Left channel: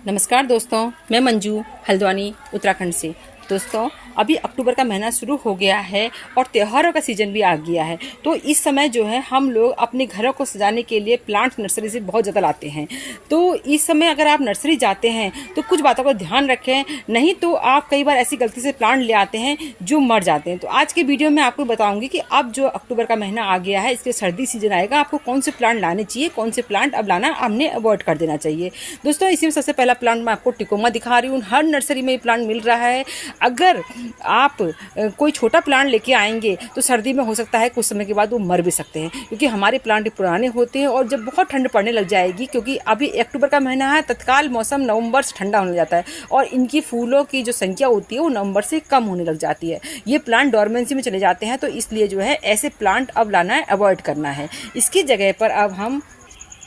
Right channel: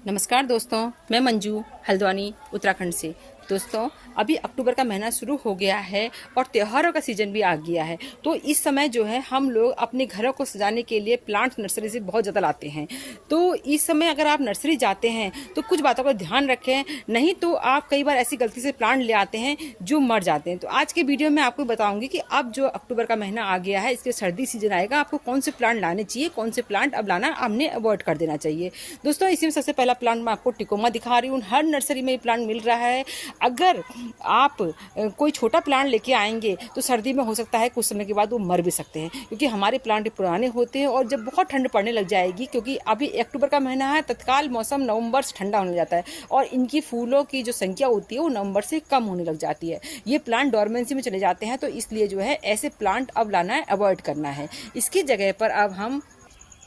नमस्कार दोस्तों, मैं मंजू हल्द्वानी उत्तराखंड से। दोस्तों, अभी अक्टूबर का महीना शुरू हो गया है और त्योहारों का सीजन भी आ गया है। तो इस समय जो है हम लोग अपने घरों को सजाने के लिए प्लांट नर्सरी से बहुत ज़्यादा लाते हैं। तो इस समय अगर आप नर्सरी जाते हैं तो कुछ बातों का ध्यान रखें, नहीं तो आप कई बार ऐसी गलती से प्लांट ले आते हैं जो मर जाते हैं। तो आज के वीडियो में आपको बताऊंगी कि अब जो अक्टूबर का महीना आ गया है, इसके सर्दी सीजन आएगा, आपको कौन से प्लांट लाने चाहिए, कौन से प्लांट अब लाना हमने अवॉइड कर देना चाहिए। दोस्तों, इसी में सबसे पहला प्लांट मैं आपको टिकोमा दिखा रही हूँ। हर नर्सरी में ये प्लांट मिल रहा है। अगर आप कोई छोटा प्लांट लेके आएंगे तो सर्दी में हो सकता है कुछ समय के बाद वो मर भी सकते हैं, क्योंकि हमारे प्लांट पुराने होते हैं। और जब बहुत ठंड पड़ने लग जाएगी, क्योंकि अभी अक्टूबर का महीना है, तत्काल मौसम नवंबर से ठंडा होने जाता है और इनकी फूलों की जो संख्या होती है वो नवंबर से कम होने लग जाती है। ये प्लांट डॉर्मेंसी में चले जाते हैं। तो इसलिए जो है ऐसे प्लांट अब लाना है, अवॉइड करना है। इसकी जगह पर अब हम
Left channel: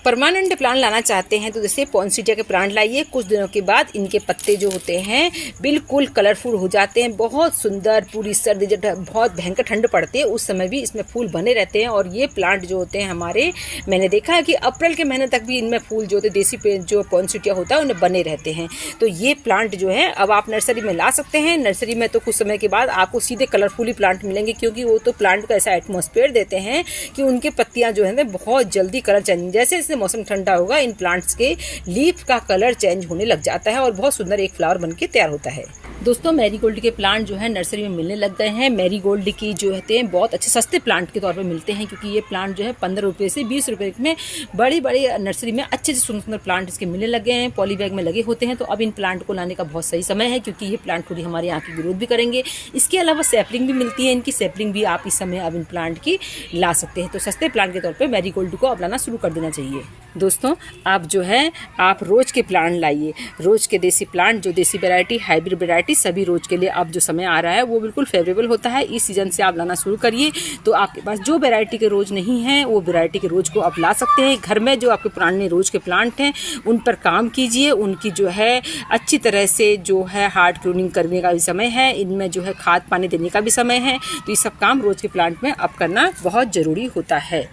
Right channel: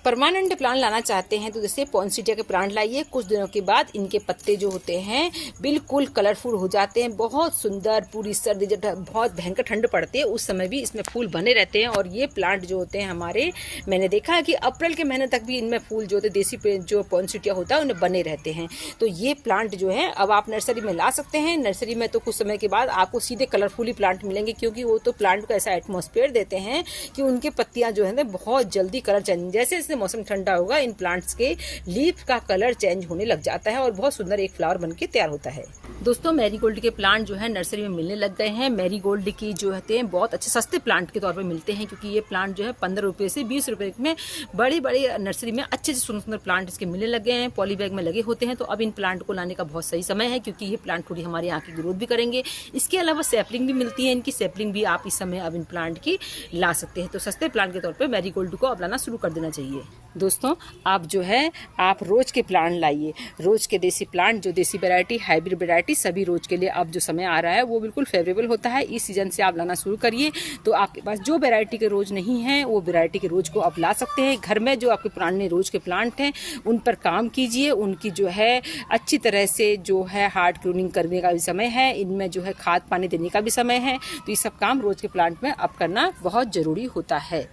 परमानेंट प्लांट लाना चाहते हैं तो जैसे पॉन्सिटिया के प्लांट लाइए। कुछ दिनों के बाद इनके पत्ते जो होते हैं बिल्कुल कलरफुल हो जाते हैं, बहुत सुंदर। पूरी सर्दी जब बहुत भयंकर ठंड पड़ती है उस समय भी इसमें फूल बने रहते हैं। और ये प्लांट जो होते हैं हमारे, मैंने देखा है कि अप्रैल के महीने तक भी इनमें फूल जो होते हैं, देसी पे जो पॉन्सिटिया होता है उन्हें बने रहते हैं। तो ये प्लांट जो है अब आप नर्सरी में ला सकते हैं। नर्सरी में तो कुछ समय के बाद आपको सीधे कलरफुली प्लांट मिलेंगे, क्योंकि वो तो प्लांट को ऐसा एटमॉस्फेयर देते हैं कि उनके पत्तियां जो है बहुत जल्दी कलर चेंज, जैसे मौसम ठंडा होगा इन प्लांट्स के लीफ का कलर चेंज होने लग जाता है और बहुत सुंदर एक फ्लावर बनके तैयार होता है। दोस्तों, मैरीगोल्ड के प्लांट जो है नर्सरी में मिलने लग गए हैं। मैरीगोल्ड की जो होते हैं बहुत अच्छे सस्ते प्लांट के तौर पर मिलते हैं, क्योंकि ये प्लांट जो है 15 रुपये से 20 रुपये में बड़ी बड़ी नर्सरी में अच्छे से सुंदर प्लांट इसके मिलने लग गए हैं। पॉली बैग में लगे होते हैं। तो अब इन प्लांट को लाने का बहुत सही समय है, क्योंकि ये प्लांट थोड़ी हमारे यहाँ की ग्रोथ भी करेंगे। इसके अलावा सैपलिंग भी मिलती है, इनकी सैपलिंग भी आप इस समय अब इन प्लांट की ला सकते हैं। तो सस्ते प्लांट के तौर पर मैरीगोल्ड को अब लाना शुरू कर देना चाहिए। दोस्तों, आप जो है आप रोज के प्लांट लाइए। रोज के देसी प्लांट, जो देसी वैरायटी, हाइब्रिड वैरायटी, सभी रोज के लिए अब जो समय आ रहा है वो बिल्कुल फेवरेबल होता है। इस सीजन से आप लाना शुरू करिए। तो आपके पास जो वैरायटी के रोज नहीं हैं वो वैरायटी के रोज को आप ला सकते हैं। घर में जो आपके पुराने रोज के प्लांट हैं उन पर काम कीजिए। उनकी जो है अच्छी तरह से जो है हार्ड क्लोनिंग करने का भी समय है, इनमें जो है खाद पानी देने का भी समय है। तो ये सब काम रोज के प्लांट में अब करना बहुत ज़रूरी होता है।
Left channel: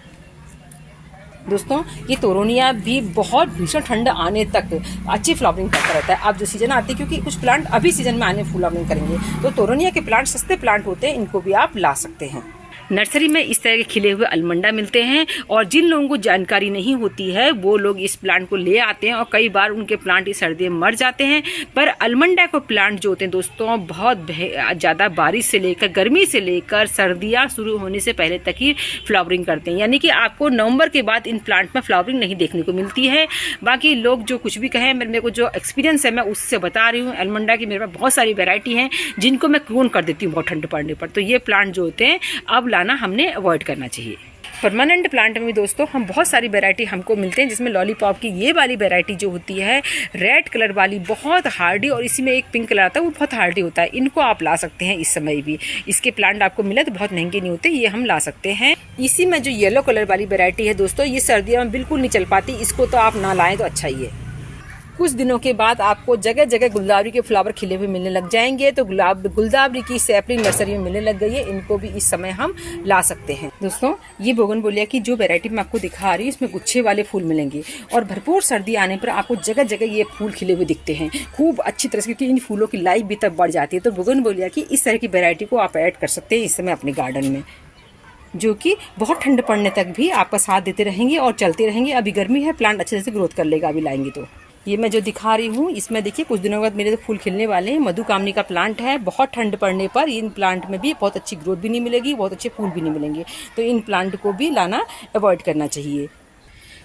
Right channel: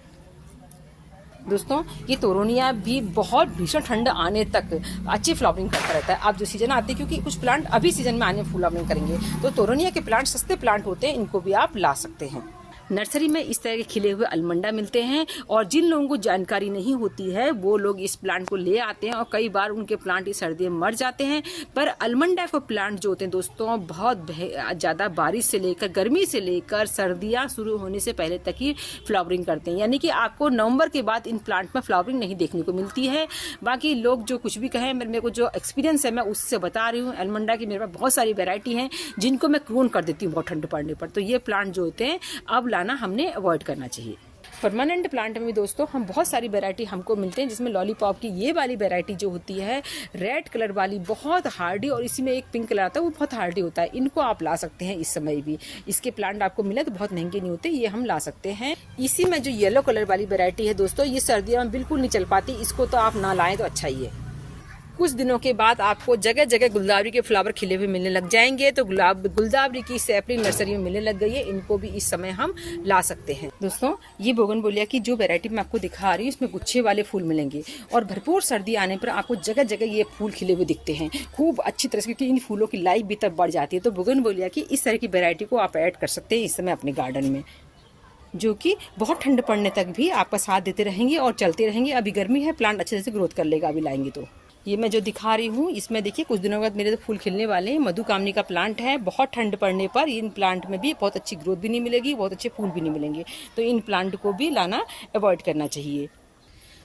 दोस्तों, ये तोरोनिया भी बहुत भीषण ठंड आने तक अच्छी फ्लावरिंग करता रहता है। अब जो सीजन आती है, क्योंकि कुछ प्लांट अभी सीजन में आने फ्लावरिंग करेंगे, तो तोरोनिया के प्लांट सस्ते प्लांट होते हैं, इनको भी आप ला सकते हैं। नर्सरी में इस तरह के खिले हुए अलमंडा मिलते हैं, और जिन लोगों को जानकारी नहीं होती है वो लोग इस प्लांट को ले आते हैं और कई बार उनके प्लांट इस सर्दी में मर जाते हैं। पर अलमंडा को प्लांट जो होते हैं दोस्तों, बहुत ज़्यादा बारिश से लेकर गर्मी से लेकर सर्दियाँ शुरू होने से पहले तक ही फ्लावरिंग करते हैं। यानी कि आपको नवंबर के बाद इन प्लांट में फ्लावरिंग नहीं देखने को मिलती है। बाकी लोग जो कुछ भी कहें, मेरे को जो एक्सपीरियंस है मैं उससे बता रही हूँ। अलमंडा की मेरे पास बहुत सारी वेराइटी हैं जिनको मैं क्लोन कर देती हूँ बहुत ठंड पड़ने पर। तो ये प्लांट जो होते हैं अब हमने अवॉइड करना चाहिए। परमानेंट प्लांट में भी दोस्तों हम बहुत सारी वैरायटी हमको मिलते हैं, जिसमें लॉलीपॉप की ये वाली वैरायटी जो होती है रेड कलर वाली, बहुत हार्डी, और इसी में एक पिंक कलर आता है वो बहुत हार्डी होता है। इनको आप ला सकते हैं इस समय भी। इसके प्लांट आपको मिले तो बहुत महंगे नहीं होते, ये हम ला सकते हैं। इसी में जो येलो कलर वाली वैरायटी है दोस्तों, ये सर्दियों में बिल्कुल नहीं चल पाती, इसको तो आप ना लाएँ तो अच्छा ही है। कुछ दिनों के बाद आपको जगह जगह गुलदावरी के फ्लावर खिले हुए मिलने लग जाएंगे। तो गुलदावरी की सैपलिंग नर्सरी में मिलने लग गई है, इनको भी इस समय हम ला सकते हैं। दोस्तों, ये बोगनविलिया की जो वैरायटी मैं आपको दिखा रही हूँ, इसमें गुच्छे वाले फूल मिलेंगे और भरपूर सर्दी आने पर आपको जगह जगह ये फूल खिले हुए दिखते हैं खूब अच्छी तरह से, क्योंकि इन फूलों की लाइफ भी तब बढ़ जाती है। तो बोगनविलिया की इस तरह की वैरायटी को आप ऐड कर सकते हैं इस समय अपने गार्डन में, जो कि बहुत ठंड पड़ने तक भी आपका साथ देते रहेंगे और चलते रहेंगे। अभी गर्मी है, प्लांट अच्छे से ग्रोथ कर लेगा अभी लाएंगे तो। ये मैं जो दिखा रही हूँ इसमें देखिए कुछ दिनों बाद मेरे तो फूल खिलने वाले हैं। मधुकामनी का प्लांट है। बहुत ठंड पड़ने पर इन प्लांट में भी बहुत अच्छी ग्रोथ भी नहीं मिलेगी, बहुत अच्छे फूल भी नहीं मिलेंगे। तो इन प्लांट को भी लाना अवॉइड करना चाहिए।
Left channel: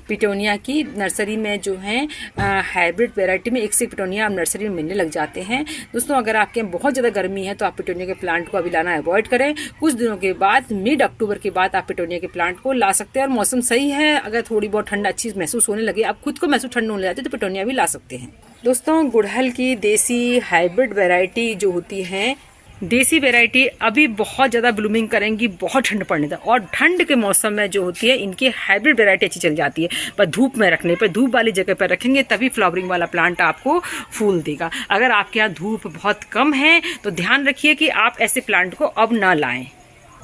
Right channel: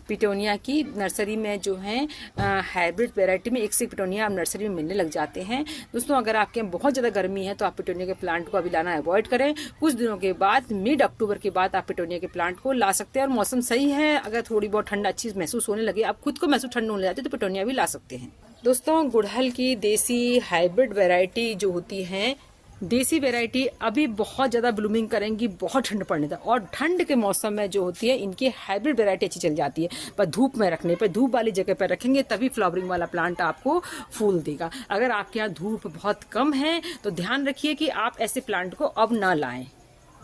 पिटोनिया की नर्सरी में जो है हाइब्रिड वैरायटी में एक से पिटोनिया अब नर्सरी में मिलने लग जाते हैं। दोस्तों, अगर आपके यहाँ बहुत ज़्यादा गर्मी है तो आप पिटोनिया के प्लांट को अभी लाना अवॉइड करें। कुछ दिनों के बाद मिड अक्टूबर के बाद आप पिटोनिया के प्लांट को ला सकते हैं, और मौसम सही है, अगर थोड़ी बहुत ठंड अच्छी महसूस होने लगे, आप खुद को महसूस ठंड होने लगती है, तो पिटोनिया भी ला सकते हैं। दोस्तों, गुड़हल की देसी हाइब्रिड वैरायटी जो होती है, देसी वैरायटी अभी बहुत ज़्यादा ब्लूमिंग करेंगी बहुत ठंड पड़ने तक, और ठंड के मौसम में जो होती है इनकी हाइब्रिड वैरायटी अच्छी चल जाती है। पर धूप में रखने पर, धूप वाली जगह पर रखेंगे तभी फ्लावरिंग वाला प्लांट आपको फूल देगा। अगर आपके यहाँ धूप बहुत कम है तो ध्यान रखिए कि आप ऐसे प्लांट को अब ना लाएं।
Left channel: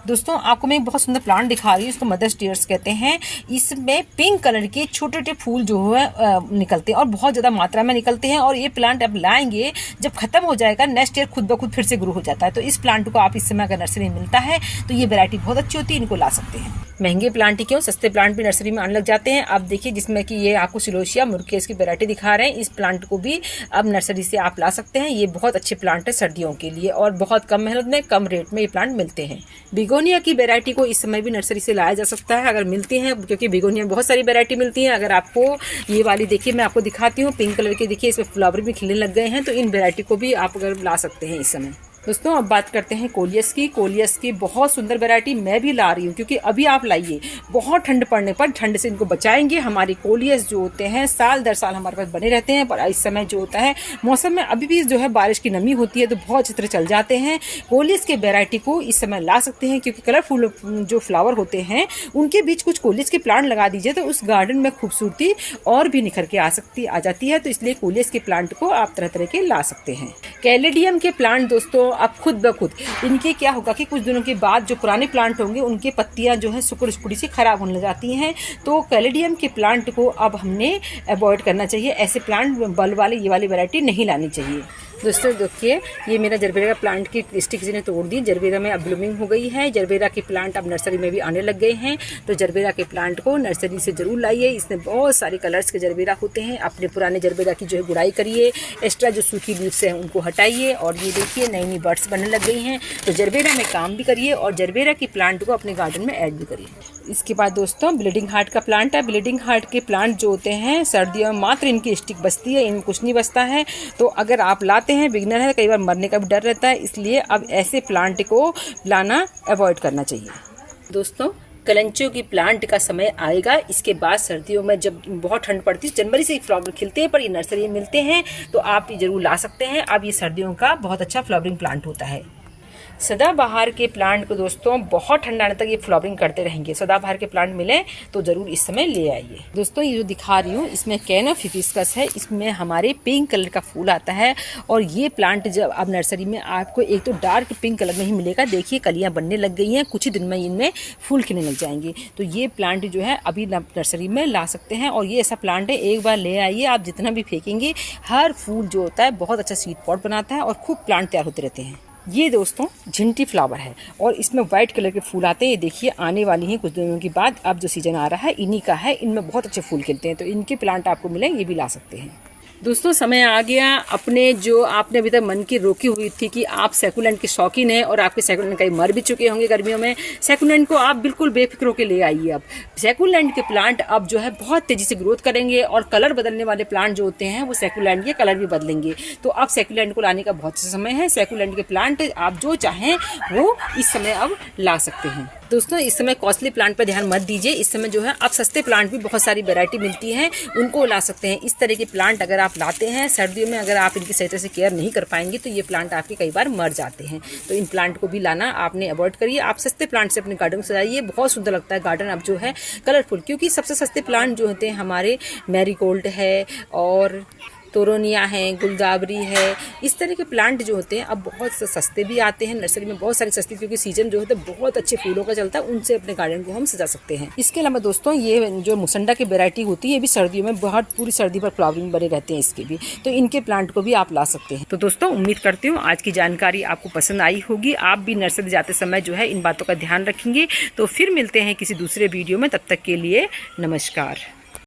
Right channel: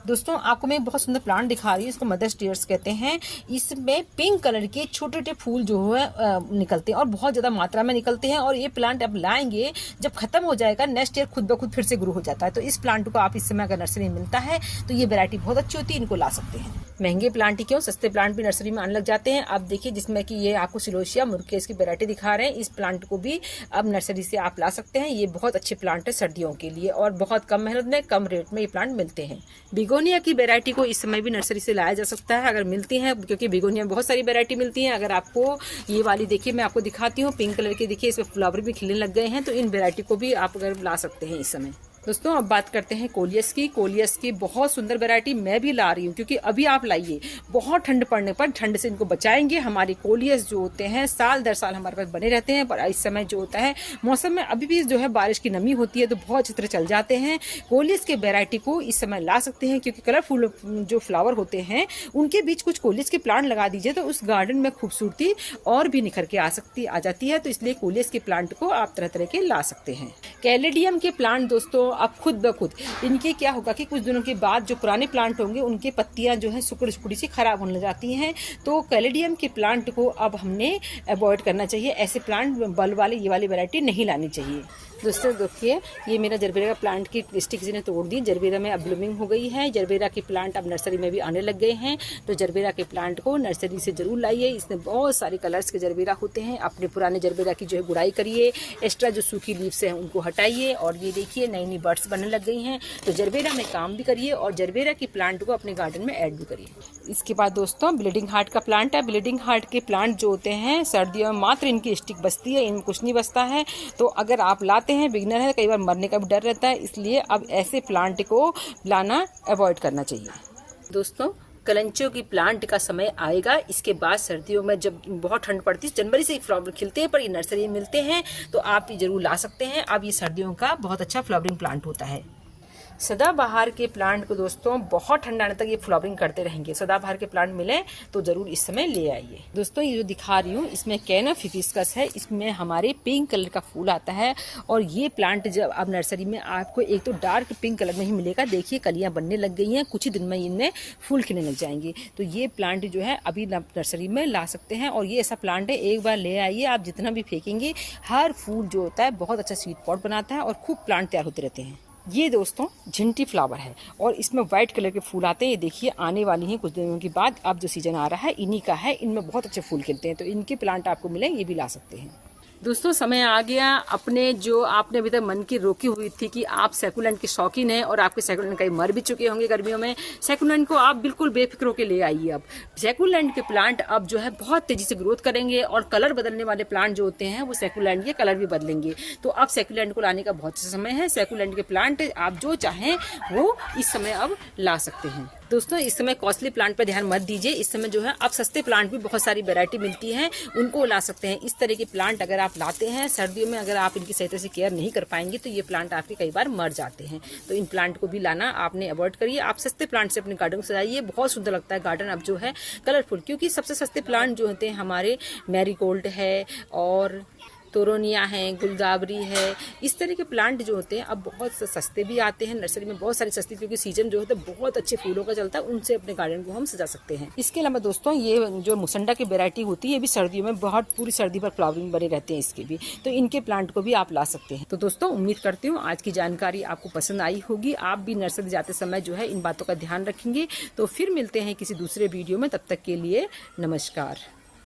दोस्तों आपको मैं एक बहुत सुंदर प्लांट दिखा रही हूँ, इसको मदर्स टीयर्स कहते हैं। इसमें पिंक कलर के छोटे छोटे फूल जो है निकलते हैं और बहुत ज़्यादा मात्रा में निकलते हैं। और ये प्लांट आप लाएंगे, जब खत्म हो जाएगा नेक्स्ट ईयर खुद ब खुद फिर से ग्रो हो जाता है। तो इस प्लांट को आप इस समय अगर नर्सरी में मिलता है तो ये वैरायटी बहुत अच्छी होती है, इनको ला सकते हैं। महंगे प्लांट ही क्यों, सस्ते प्लांट भी नर्सरी में आने लग जाते हैं। आप देखिए जिसमें कि ये आपको सिलोशिया मुर्केस की वैरायटी दिखा रहे हैं, इस प्लांट को भी अब नर्सरी से आप ला सकते हैं। ये बहुत अच्छे प्लांट है सर्दियों के लिए और बहुत कम मेहनत में कम रेट में ये प्लांट मिलते हैं। बिगोनिया की वैरायटी को इस समय भी नर्सरी से लाया जा सकता है अगर मिलती हैं, क्योंकि बिगोनिया में बहुत सारी वैरायटी मिलती है। अगर आपको ये वाली देखिए, मैं आपको दिखाती हूँ, पिंक कलर की देखिए, इसमें फ्लावर भी खिलने लग गए हैं। तो इन वैरायटी को भी आप अगर ला सकते हैं इस समय। दोस्तों अब बात करते हैं कोलियस की। कोलियस की बहुत सुंदर वैरायटी मैं भी ला रही हूँ, क्योंकि अभी आप लाइए, बहुत ठंड पड़ने पर ठंड से इनको बचाएंगे। हमारे कोलियस जो होते हैं साल दर साल हमारे पास बने रहते हैं, पर इस समय जो होता है मौसम में अभी भी जो है बारिश की नमी होती है तो बहुत अच्छी तरह चल जाते हैं। कोलियस के वैरायटी को इस समय ला सकते हैं, क्योंकि कलरफुल जो फ्लावर होते हैं उनके बीच कुछ कोलियस के प्लांट लगा दीजिए तो उस गार्डन में खूबसूरती और भी निखर के आ जाती है। तो इसलिए कोलियस के प्लांट को आप तरह तरह के ला सकते हैं। कैलेडियम के प्लांट दोस्तों अब खुद ब खुद इनके क्या होगा कि कुछ दिनों के बाद जो पुराने प्लांट होंगे उनके पत्तियां जो है सुकुड़ी सी खराब होने लग जाती हैं। तो कैलेडियम के प्लांट को अब हमने अवॉइड करना चाहिए। ऐसे प्लांट बल्ब वाले ये वाली वैरायटी नहीं लानी चाहिए। दोस्तों देखिए, ये मेरा जरबेरा प्लांट की स्टिक किसी ने तोड़ दी। जरबेरा में अब ब्लूमिंग हो गई है। जरबेरा के प्लांट अब नर्सरी में भी आने लग गए हैं। तो जरबेरा के प्लांट को नर्सरी से जरूर लाइए। इसमें बहुत सारे कलर्स के जरबेरा होते हैं। अपने पुराने जरबेरा की जो है गुड़ाई करिए, एक्स्ट्रा जो सूखी लीव्स हैं उनको हटाइए। और ये देखिए नई नई बर्ड्स बनने लग गई हैं। तो जरबेरा में काम भी करिए और जरबेरा की प्लांट को अपने गार्डन में ऐड भी करिए। इसके बाद दोस्तों ब्लीडिंग हार्ट का प्लांट है। ब्लीडिंग हार्ट के प्लांट जो होते हैं सर्दियों में मात्र इनकी स्टिक बचती है, इनमें कुछ नहीं बचता है। तो अगर आप लाते हैं, बिगनर है, कई बार मरने का भी डर रहता है, इसलिए अब ऐसे प्लांट को लाना अवॉइड करना चाहिए। दोस्तों कलंचियों की प्लांट का समय आएगा। इसके बाद सर्दियों में जब बहुत ठंड पड़ती है, जनवरी से फ्लावर खिलते हैं, पर ये नर्सरी में मिलते हैं तो आप ये जरूर ला सकते हैं। अब ये सर्दियों का बहुत अच्छा फ्लावरिंग प्लांट होता है। सदाबहार के प्लांट को दोस्तों बहुत ठंडा आने तक ये फ्लावरिंग करते रहेंगे। सदाबहार के प्लांट मिले तो जरूर इस समय ले आइए। दोस्तों ये जो दिखा रही हूँ इसमें कैनफ हिबिस्कस है। इसमें हमारे पिंक कलर का फूल आता है और ये प्लांट जब अब नर्सरी में आपको एक तो डार्क पिंक कलर में ही मिलेगा। देखिए कलियां बनने लग गई हैं, कुछ ही दिन में इनमें फूल खिलने लग जाएंगे। तो ये प्लांट जो है अभी नर्सरी में ला सकते हैं। और ये ऐसा प्लांट है, एक बार ले आइए, आप जितना भी फेंकेंगे हर फूल जो होता है बहुत अच्छा सीड पॉट बनाता है और खूब प्लांट तैयार होते रहते हैं। ये दोस्तों झिंटी फ्लावर है और इसमें व्हाइट कलर के फूल आते हैं। ये देखिए आने वाली हैं कुछ दिनों के बाद। अब जो सीजन आ रहा है इन्हीं का है, इनमें बहुत अच्छे फूल खिलते हैं। तो इनके प्लांट आपको मिले, ये भी ला सकते हैं। दोस्तों समय आ गया, अपने जो आपने अभी तक मन की रोकी हुई थी कि आप सैकुलेंट के शौकीन हैं और आपके सैकुलेंट कहीं मर भी चुके होंगे गर्मियों में, सैकुलेंट को आप बिल्कुल बेफिक्र होकर ले आइए। अब सैकुलेंट के प्लांट अब जो है बहुत तेजी से ग्रोथ करेंगे और कलर बदलने वाले प्लांट जो होते हैं वो सैकुलेंट के कलर भी बदलेंगे। तो अब सैकुलेंट को लाने का बहुत समय है। सैकुलेंट के प्लांट आप जो चाहें वो इस समय अब ला सकते हैं। दोस्तों इस समय कॉस्टली प्लांट पर ध्यान मत दीजिए। इस समय जो है अब सस्ते प्लांट भी बहुत सारी वैरायटी मिलती है, उनको ला सकते हैं। इस तरह के प्लांट अगर आप लाते हैं सर्दियों में, अगर आप इनकी सही तरह से केयर नहीं कर पाएंगे तो ये प्लांट आपके कई बार मर जाते हैं। तो इन प्लांट को भी लाना आपने अवॉइड करिए। आप सस्ते प्लांट से अपने गार्डन को सजाइए, बहुत सुंदर लगता है गार्डन अब जो है कलरफुल। क्योंकि सबसे सस्ते प्लांट जो होते हैं हमारे मैरीगोल्ड है और तोरोनिया है, गुलदावरी है, इस तरह के प्लांट जो होते हैं अब बहुत सस्ते भी आते हैं नर्सरी में, बहुत सारे सस्ते, क्योंकि सीजन जो होता है बहुत अच्छे फूलों का चलता है, उनसे अपने गार्डन को हम सजा सकते हैं। इसके अलावा दोस्तों ये जो मुसंडा की वैरायटी होती है ये भी सर्दियों में बहुत पूरी सर्दी पर फ्लावरिंग बने रहते हैं इसके भी, तो इनके प्लांट को भी आप ला सकते हैं। तो दोस्तों उम्मीद करती हूँ आज की जानकारी आपको पसंद आई होगी। आप भी नर्सरी जाते समय जो है इन बातों का ध्यान रखेंगे। तो फिर मिलते हैं किसी दूसरे वीडियो में, तब तक के लिए नमस्कार।